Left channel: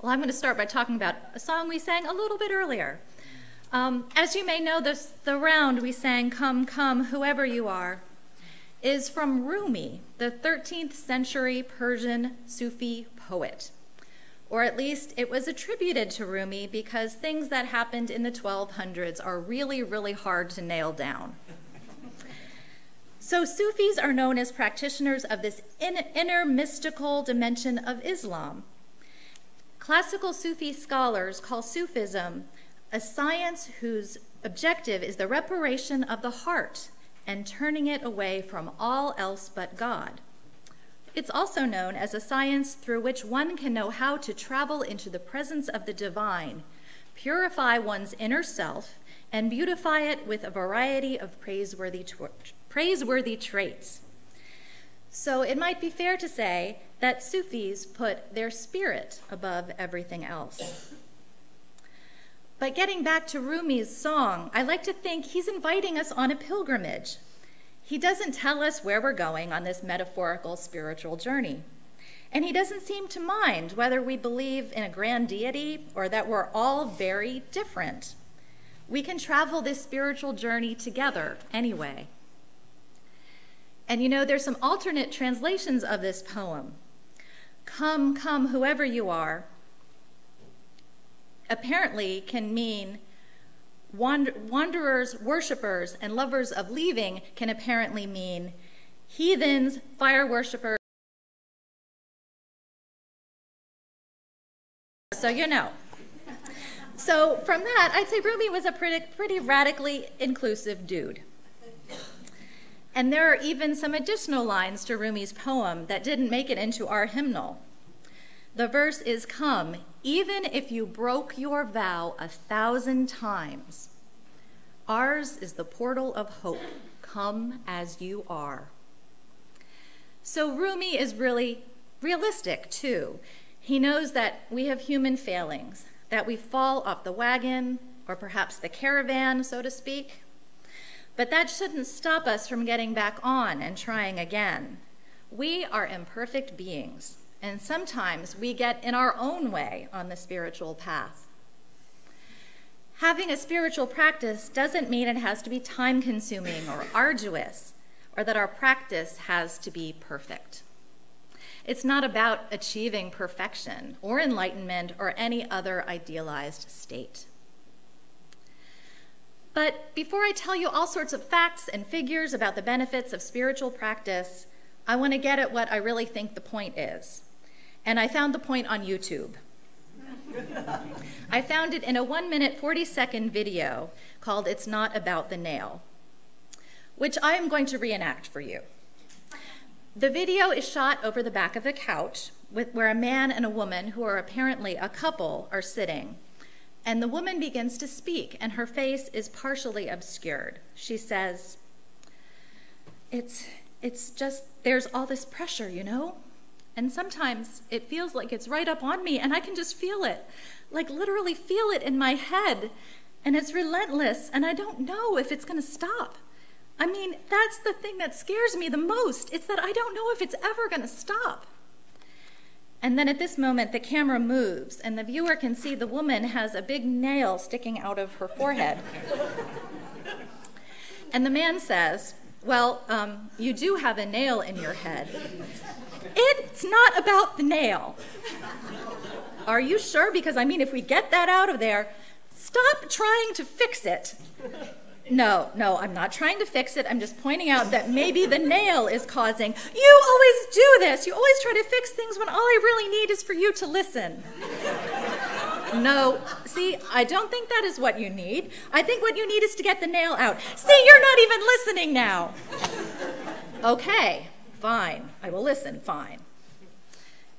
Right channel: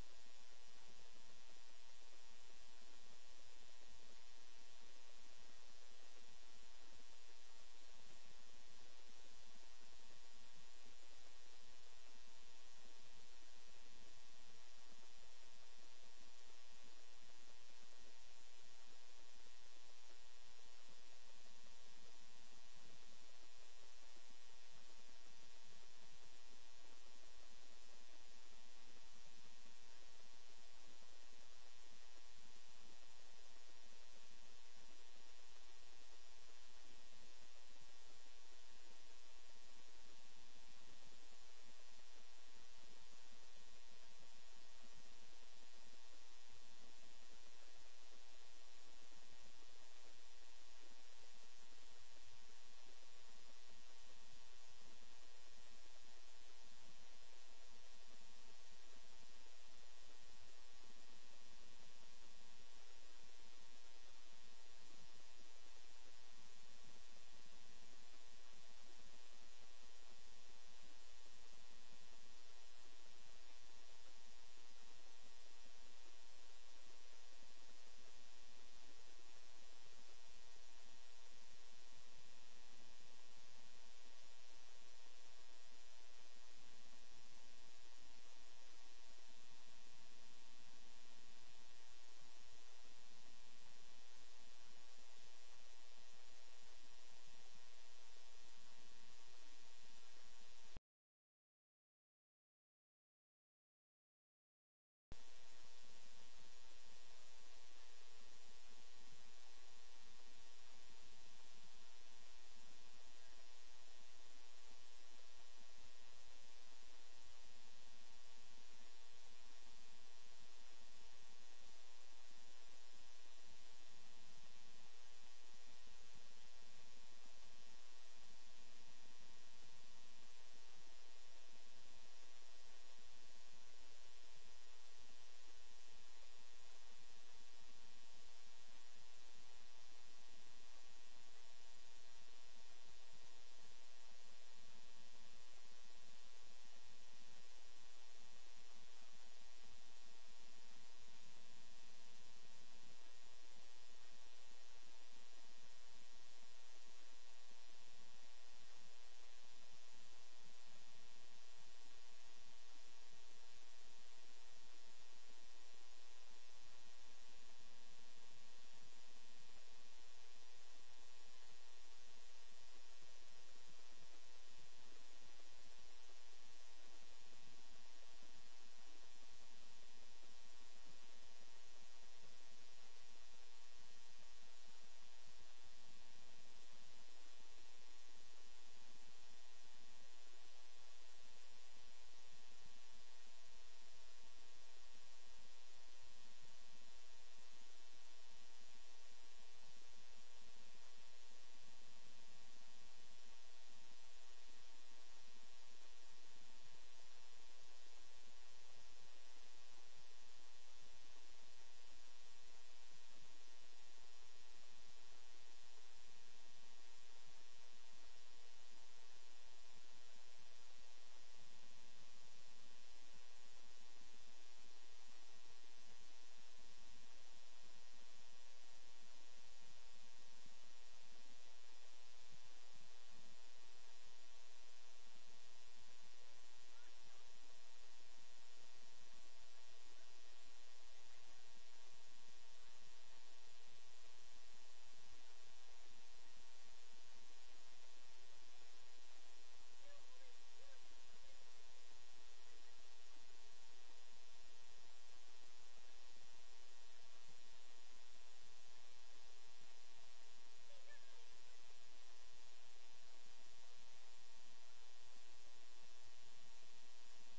Well, I'm going to start by talking about a song we sang a little bit earlier. As you may know, the round we sang, "Come, Come, Whoever You Are," is from Rumi, the 13th century Persian Sufi poet. Or at least it was attributed to Rumi because things that happened in the 1200s are really, really hard to nail down. So Sufis are known as practitioners of this inner mystical dimension of Islam. Classical Sufi scholars call Sufism a science whose objective is the reparation of the heart and turning it away from all else but God. It's also known as a science through which one can know how to travel into the presence of the divine, purify one's inner self, and beautify it with a variety of praiseworthy traits. So it might be fair to say that Sufis put their spirit above everything else. But getting back to Rumi's song, I like to think he's inviting us on a pilgrimage. He doesn't tell us where we're going on this metaphorical spiritual journey. And he doesn't seem to mind whether we believe in a grand deity or that we're all very different. We can travel this spiritual journey together anyway. And you know, there's some alternate translations of this poem. "Come, come, whoever you are," apparently can mean wanderers, worshipers, and lovers of leaving can apparently mean heathens, fire worshipers. So you know. So from that, I'd say Rumi was a pretty radically inclusive dude. And there are even some additional lines to Rumi's poem that didn't make it into our hymnal. The verse is, "Come, even if you broke your vow 1,000 times. Ours is the portal of hope. Come as you are." So Rumi is really realistic too. He knows that we have human failings, that we fall off the wagon, or perhaps the caravan, so to speak. But that shouldn't stop us from getting back on and trying again. We are imperfect beings, and sometimes we get in our own way on the spiritual path. Having a spiritual practice doesn't mean it has to be time-consuming or arduous, or that our practice has to be perfect. It's not about achieving perfection or enlightenment or any other idealized state. But before I tell you all sorts of facts and figures about the benefits of spiritual practice, I want to get at what I really think the point is. And I found the point on YouTube. I found it in a 1-minute, 40-second video called "It's Not About the Nail," which I am going to reenact for you. The video is shot over the back of a couch where a man and a woman, who are apparently a couple, are sitting. And the woman begins to speak, and her face is partially obscured. She says, it's just, there's all this pressure, you know? And sometimes it feels like it's right up on me, and I can just feel it, like literally feel it in my head. And it's relentless, and I don't know if it's gonna stop. I mean, that's the thing that scares me the most. It's that I don't know if it's ever gonna stop. And then at this moment, the camera moves, and the viewer can see the woman has a big nail sticking out of her forehead. And the man says, "Well, you do have a nail in your head. It's not about the nail." "Are you sure? Because, I mean, if we get that out of there, stop trying to fix it." No, I'm not trying to fix it. I'm just pointing out that maybe the nail is causing. You always do this. You always try to fix things when all I really need is for you to listen. No, see, I don't think that is what you need. I think what you need is to get the nail out. See, you're not even listening now. Okay, fine. I will listen, fine.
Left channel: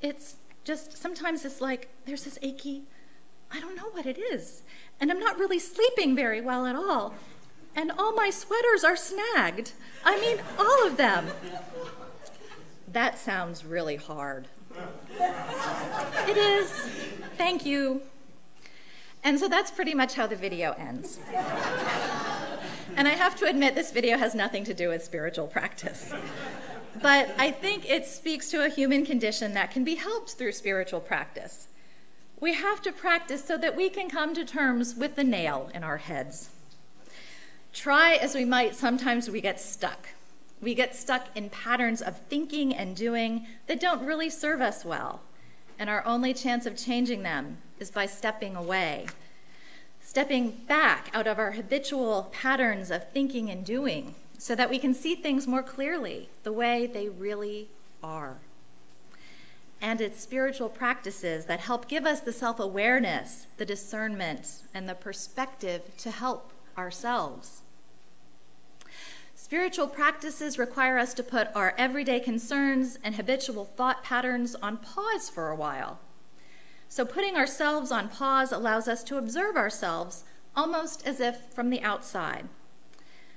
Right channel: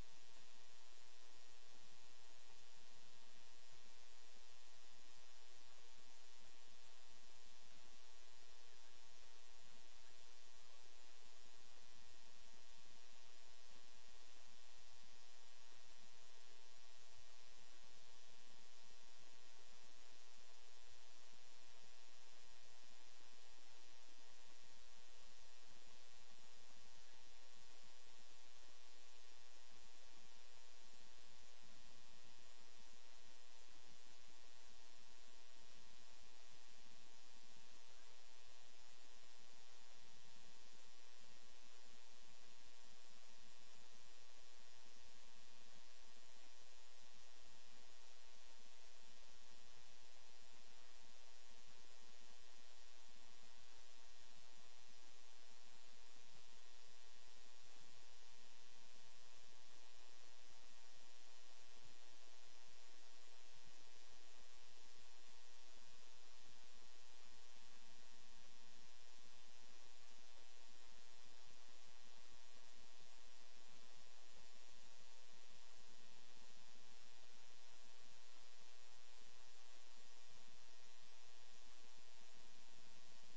It's just, sometimes it's like, there's this achy, I don't know what it is. And I'm not really sleeping very well at all. And all my sweaters are snagged. I mean, all of them. That sounds really hard. It is. Thank you. And so that's pretty much how the video ends. And I have to admit, this video has nothing to do with spiritual practice. But I think it speaks to a human condition that can be helped through spiritual practice. We have to practice so that we can come to terms with the nail in our heads. Try as we might, sometimes we get stuck. We get stuck in patterns of thinking and doing that don't really serve us well. And our only chance of changing them is by stepping away, stepping back out of our habitual patterns of thinking and doing so that we can see things more clearly, the way they really are. And it's spiritual practices that help give us the self-awareness, the discernment, and the perspective to help ourselves. Spiritual practices require us to put our everyday concerns and habitual thought patterns on pause for a while. So putting ourselves on pause allows us to observe ourselves almost as if from the outside.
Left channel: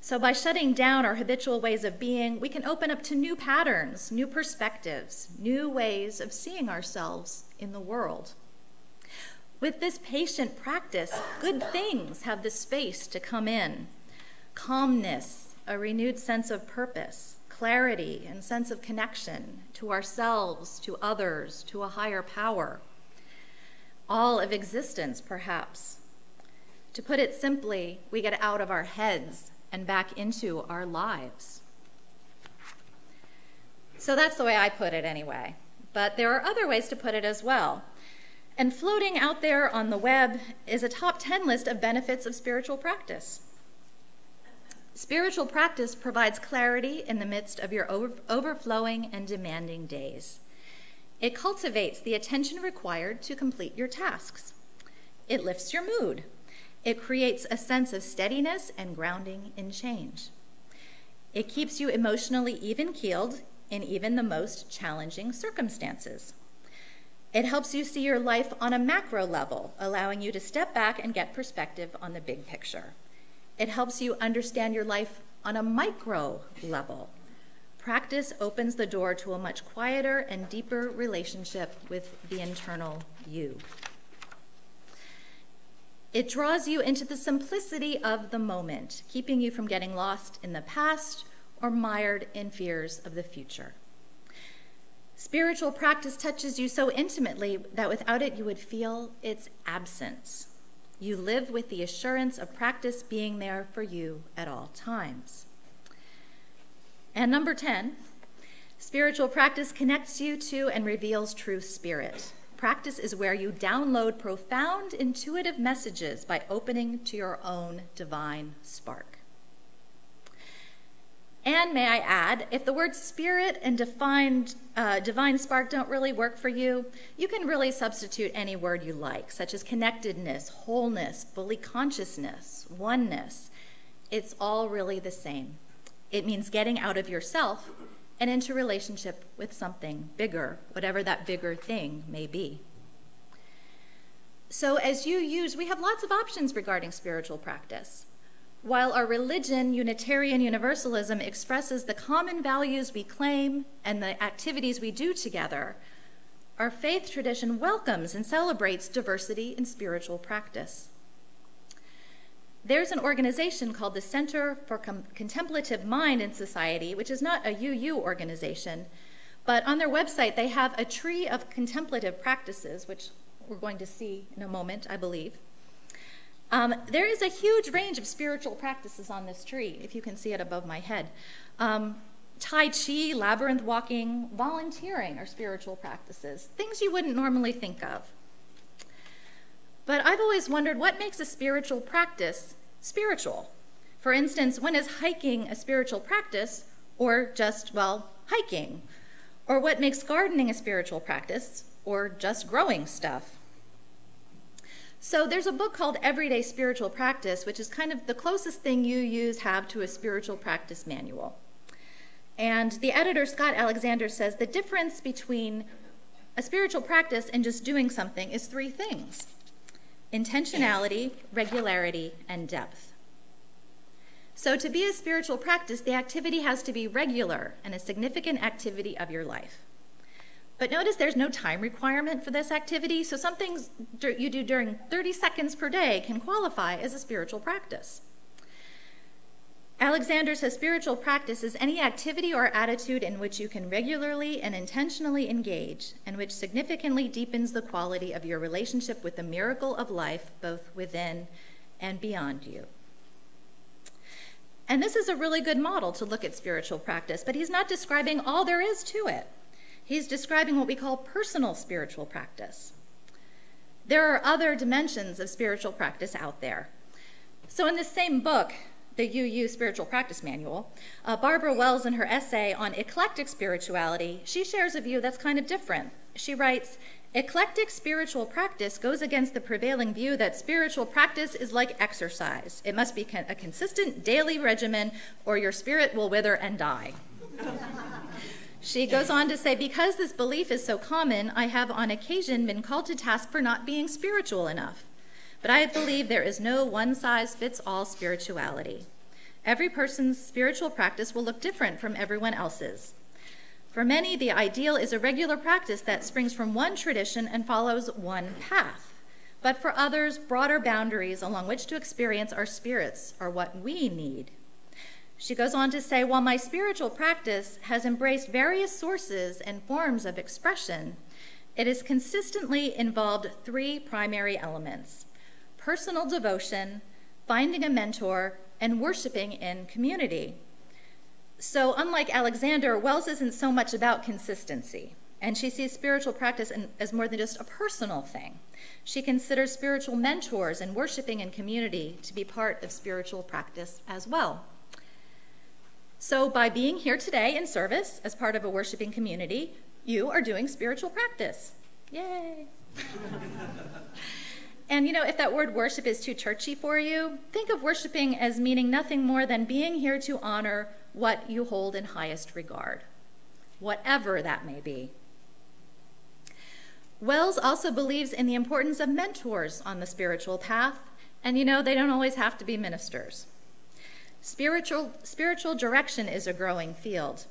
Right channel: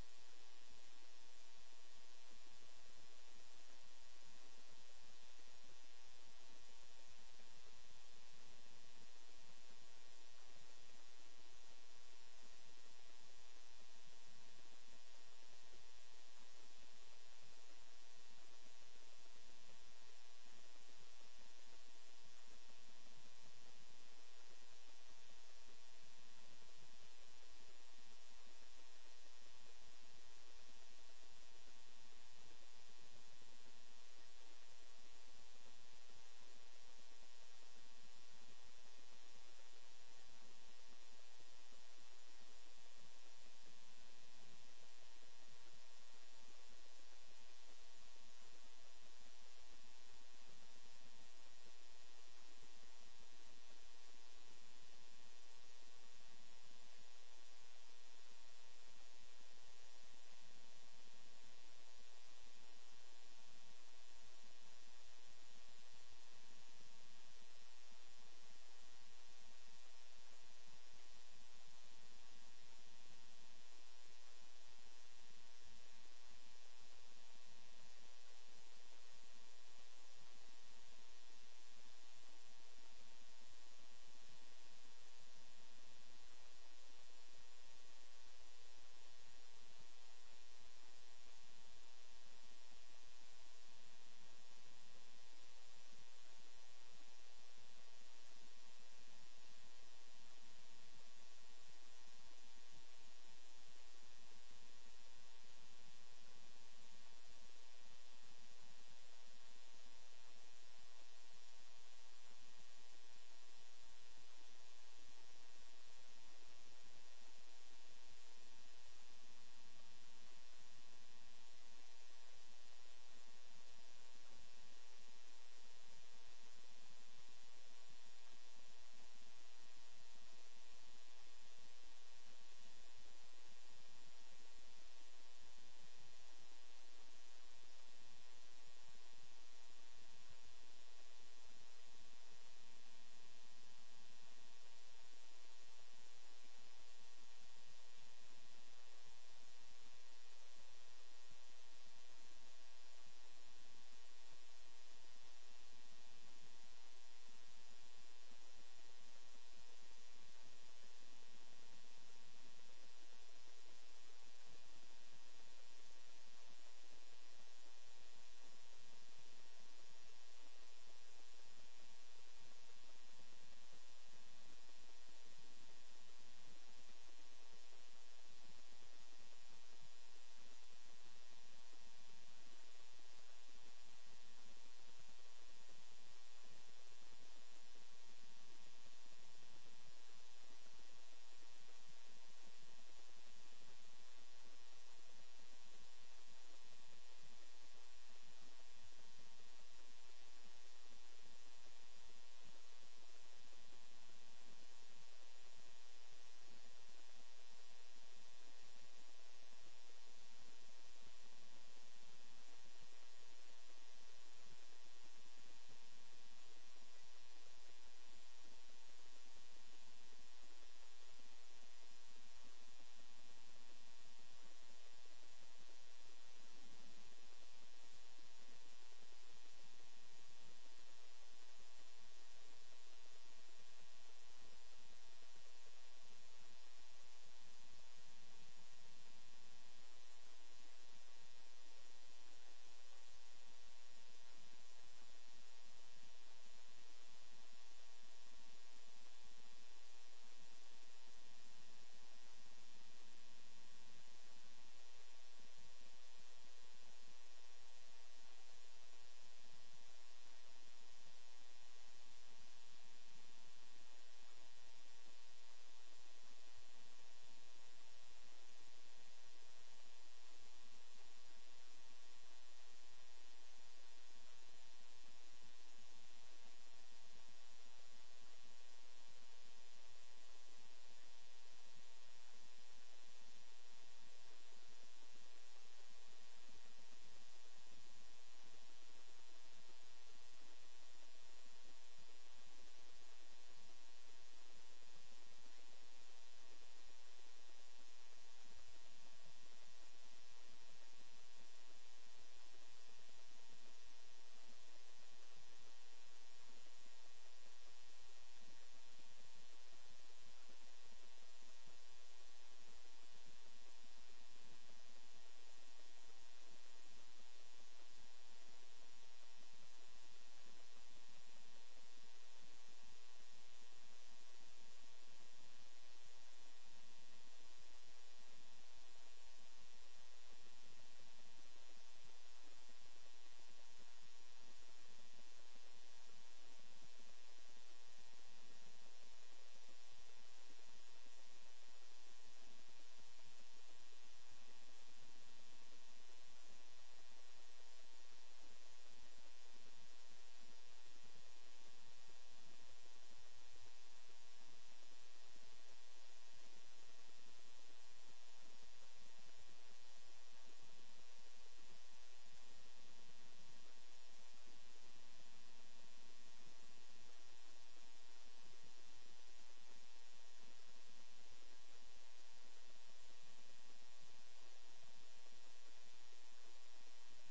So by shutting down our habitual ways of being, we can open up to new patterns, new perspectives, new ways of seeing ourselves in the world. With this patient practice, good things have the space to come in. Calmness, a renewed sense of purpose, clarity, and sense of connection to ourselves, to others, to a higher power. All of existence, perhaps. To put it simply, we get out of our heads and back into our lives. So that's the way I put it anyway. But there are other ways to put it as well. And floating out there on the web is a top 10 list of benefits of spiritual practice. Spiritual practice provides clarity in the midst of your overflowing and demanding days. It cultivates the attention required to complete your tasks. It lifts your mood. It creates a sense of steadiness and grounding in change. It keeps you emotionally even-keeled in even the most challenging circumstances. It helps you see your life on a macro level, allowing you to step back and get perspective on the big picture. It helps you understand your life on a micro level. Practice opens the door to a much quieter and deeper relationship with the internal you. It draws you into the simplicity of the moment, keeping you from getting lost in the past or mired in fears of the future. Spiritual practice touches you so intimately that without it you would feel its absence. You live with the assurance of practice being there for you at all times. And number 10, spiritual practice connects you to and reveals true spirit. Practice is where you download profound intuitive messages by opening to your own divine spark. And may I add, if the words spirit and divine spark don't really work for you, you can really substitute any word you like, such as connectedness, wholeness, fully consciousness, oneness. It's all really the same. It means getting out of yourself and into relationship with something bigger, whatever that bigger thing may be. So we have lots of options regarding spiritual practice. While our religion, Unitarian Universalism, expresses the common values we claim and the activities we do together, our faith tradition welcomes and celebrates diversity in spiritual practice. There's an organization called the Center for Contemplative Mind in Society, which is not a UU organization, but on their website they have a tree of contemplative practices, which we're going to see in a moment, I believe. There is a huge range of spiritual practices on this tree, if you can see it above my head. Tai Chi, labyrinth walking, volunteering are spiritual practices, things you wouldn't normally think of. But I've always wondered what makes a spiritual practice spiritual. For instance, when is hiking a spiritual practice or just, hiking? Or what makes gardening a spiritual practice or just growing stuff? So there's a book called Everyday Spiritual Practice, which is kind of the closest thing UUs have to a spiritual practice manual. And the editor, Scott Alexander, says the difference between a spiritual practice and just doing something is 3 things: intentionality, regularity, and depth. So to be a spiritual practice, the activity has to be regular and a significant activity of your life. But notice there's no time requirement for this activity, so some things you do during 30 seconds per day can qualify as a spiritual practice. Alexander says spiritual practice is any activity or attitude in which you can regularly and intentionally engage, and which significantly deepens the quality of your relationship with the miracle of life, both within and beyond you. And this is a really good model to look at spiritual practice, but he's not describing all there is to it. He's describing what we call personal spiritual practice. There are other dimensions of spiritual practice out there. So in this same book, the UU Spiritual Practice Manual, Barbara Wells, in her essay on eclectic spirituality, she shares a view that's kind of different. She writes, eclectic spiritual practice goes against the prevailing view that spiritual practice is like exercise. It must be a consistent daily regimen or your spirit will wither and die. She goes on to say, because this belief is so common, I have on occasion been called to task for not being spiritual enough. But I believe there is no one-size-fits-all spirituality. Every person's spiritual practice will look different from everyone else's. For many, the ideal is a regular practice that springs from one tradition and follows one path. But for others, broader boundaries along which to experience our spirits are what we need. She goes on to say, while my spiritual practice has embraced various sources and forms of expression, it has consistently involved three primary elements: personal devotion, finding a mentor, and worshiping in community. So unlike Alexander, Wells isn't so much about consistency, and she sees spiritual practice as more than just a personal thing. She considers spiritual mentors and worshiping in community to be part of spiritual practice as well. So by being here today in service as part of a worshiping community, you are doing spiritual practice. Yay! And you know, if that word worship is too churchy for you, think of worshiping as meaning nothing more than being here to honor what you hold in highest regard, whatever that may be. Wells also believes in the importance of mentors on the spiritual path, and you know, they don't always have to be ministers. Spiritual direction is a growing field.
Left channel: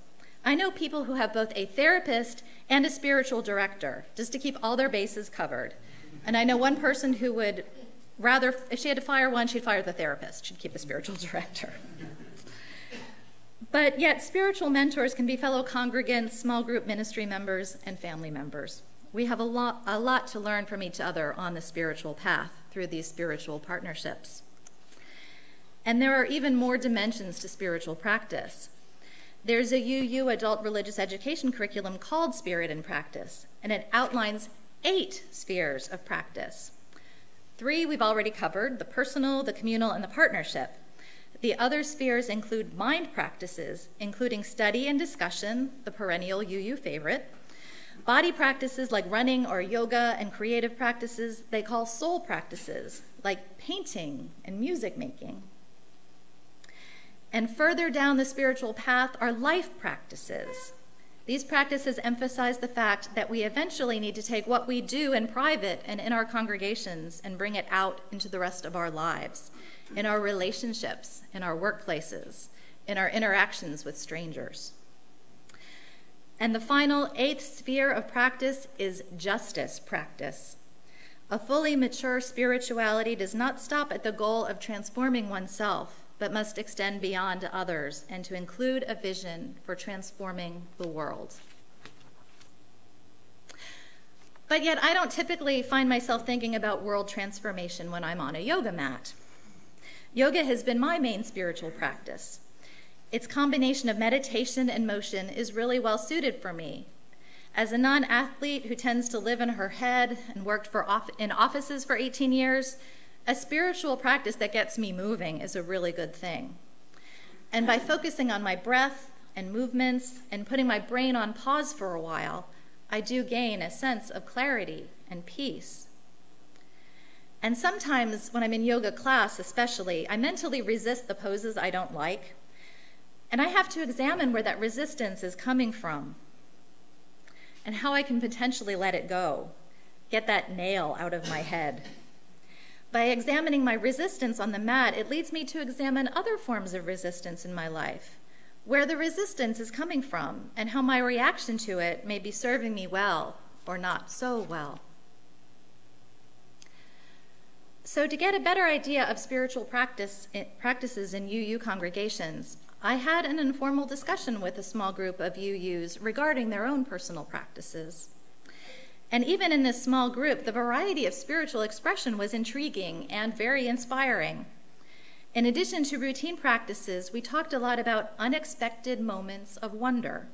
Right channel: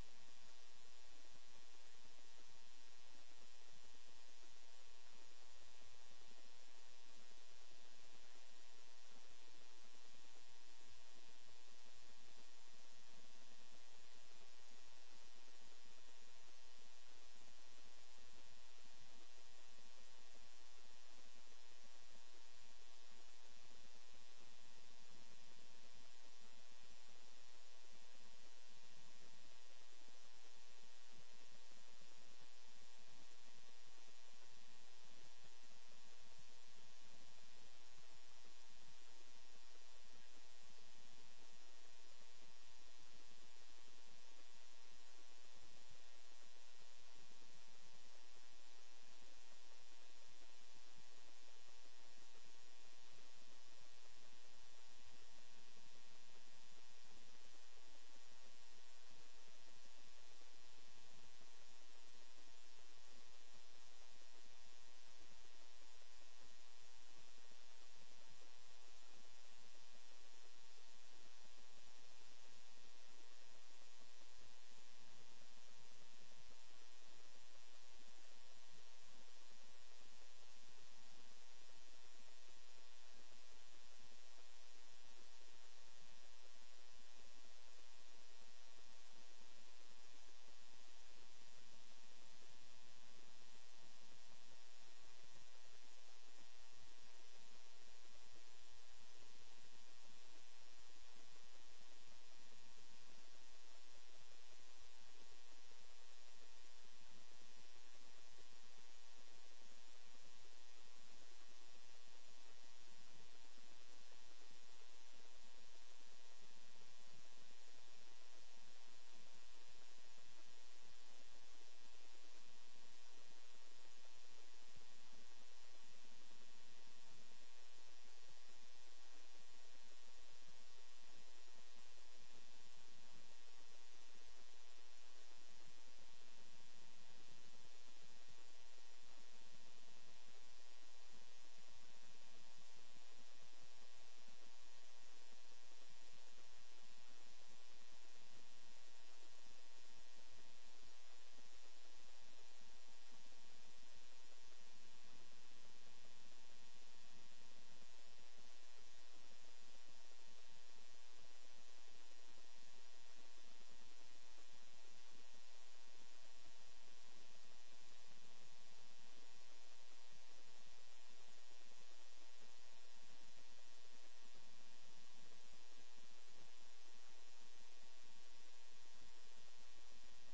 I know people who have both a therapist and a spiritual director, just to keep all their bases covered. And I know one person who would rather, if she had to fire one, she'd fire the therapist. She'd keep the spiritual director. But yet, spiritual mentors can be fellow congregants, small group ministry members, and family members. We have a lot to learn from each other on the spiritual path through these spiritual partnerships. And there are even more dimensions to spiritual practice. There's a UU adult religious education curriculum called Spirit in Practice, and it outlines 8 spheres of practice. 3 we've already covered: the personal, the communal, and the partnership. The other spheres include mind practices, including study and discussion, the perennial UU favorite, body practices like running or yoga, and creative practices they call soul practices, like painting and music making. And further down the spiritual path are life practices. These practices emphasize the fact that we eventually need to take what we do in private and in our congregations and bring it out into the rest of our lives, in our relationships, in our workplaces, in our interactions with strangers. And the final 8th sphere of practice is justice practice. A fully mature spirituality does not stop at the goal of transforming oneself, but must extend beyond to others and to include a vision for transforming the world. But yet, I don't typically find myself thinking about world transformation when I'm on a yoga mat. Yoga has been my main spiritual practice. Its combination of meditation and motion is really well suited for me. As a non-athlete who tends to live in her head and worked in offices for 18 years, a spiritual practice that gets me moving is a really good thing. And by focusing on my breath and movements and putting my brain on pause for a while, I do gain a sense of clarity and peace. And sometimes when I'm in yoga class especially, I mentally resist the poses I don't like, and I have to examine where that resistance is coming from and how I can potentially let it go, get that nail out of my head. By examining my resistance on the mat, it leads me to examine other forms of resistance in my life, where the resistance is coming from, and how my reaction to it may be serving me well or not so well. So to get a better idea of spiritual practices in UU congregations, I had an informal discussion with a small group of UUs regarding their own personal practices. And even in this small group, the variety of spiritual expression was intriguing and very inspiring. In addition to routine practices, we talked a lot about unexpected moments of wonder,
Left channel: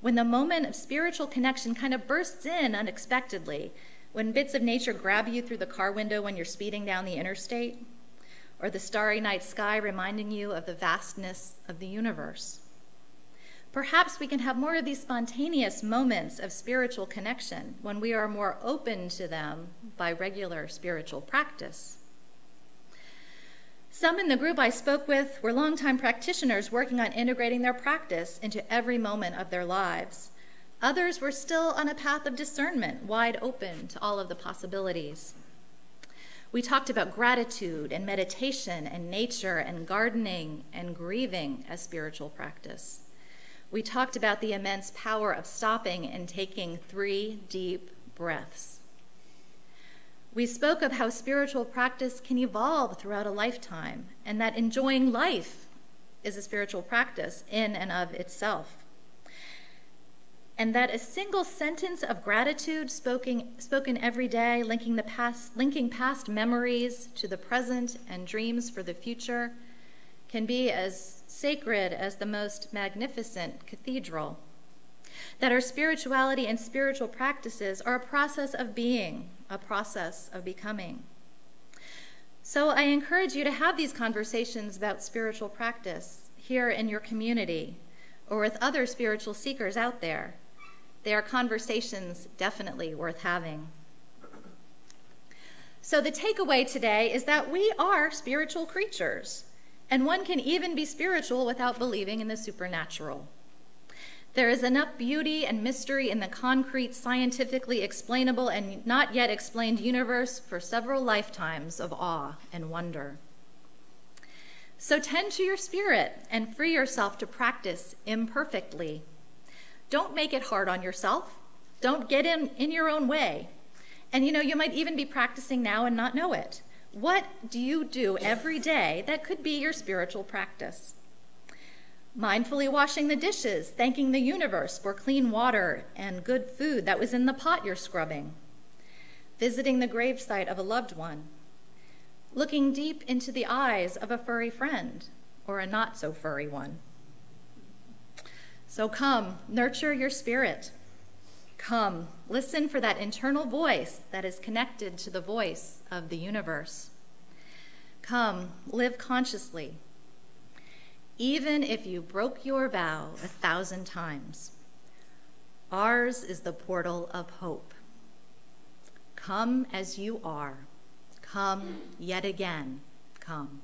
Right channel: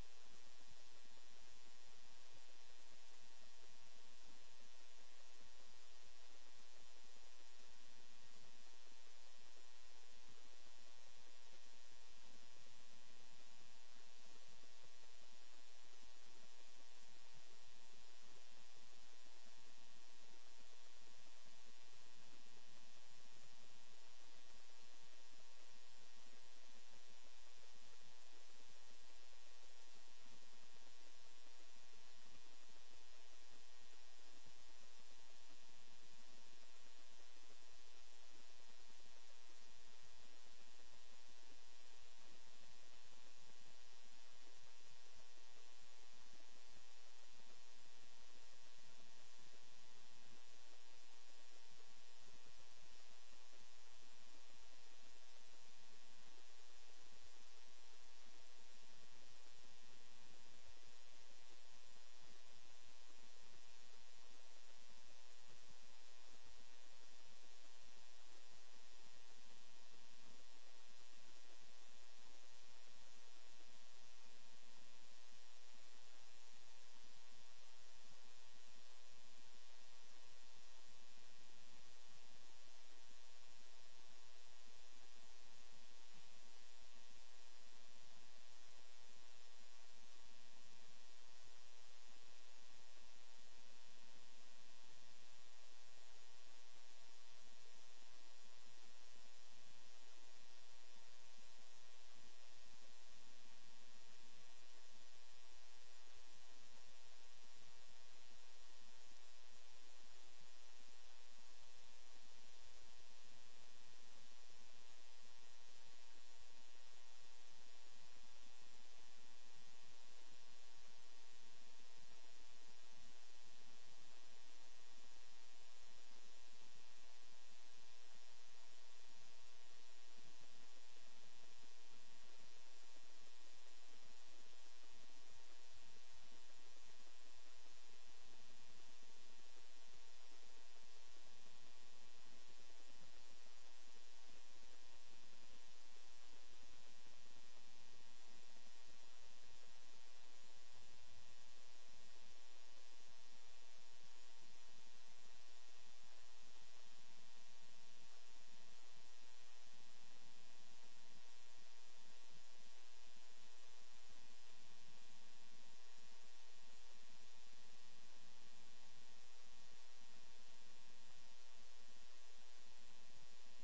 when the moment of spiritual connection kind of bursts in unexpectedly, when bits of nature grab you through the car window when you're speeding down the interstate, or the starry night sky reminding you of the vastness of the universe. Perhaps we can have more of these spontaneous moments of spiritual connection when we are more open to them by regular spiritual practice. Some in the group I spoke with were longtime practitioners working on integrating their practice into every moment of their lives. Others were still on a path of discernment, wide open to all of the possibilities. We talked about gratitude and meditation and nature and gardening and grieving as spiritual practice. We talked about the immense power of stopping and taking 3 deep breaths. We spoke of how spiritual practice can evolve throughout a lifetime, and that enjoying life is a spiritual practice in and of itself. And that a single sentence of gratitude spoken every day, linking past memories to the present and dreams for the future, can be as sacred as the most magnificent cathedral. That our spirituality and spiritual practices are a process of being, a process of becoming. So I encourage you to have these conversations about spiritual practice here in your community or with other spiritual seekers out there. They are conversations definitely worth having. So the takeaway today is that we are spiritual creatures, and one can even be spiritual without believing in the supernatural. There is enough beauty and mystery in the concrete, scientifically explainable and not yet explained universe for several lifetimes of awe and wonder. So tend to your spirit and free yourself to practice imperfectly. Don't make it hard on yourself. Don't get in your own way. And you might even be practicing now and not know it. What do you do every day that could be your spiritual practice? Mindfully washing the dishes, thanking the universe for clean water and good food that was in the pot you're scrubbing. Visiting the gravesite of a loved one. Looking deep into the eyes of a furry friend or a not so furry one. So come, nurture your spirit. Come, listen for that internal voice that is connected to the voice of the universe. Come, live consciously. Even if you broke your vow 1,000 times, ours is the portal of hope. Come as you are. Come yet again. Come.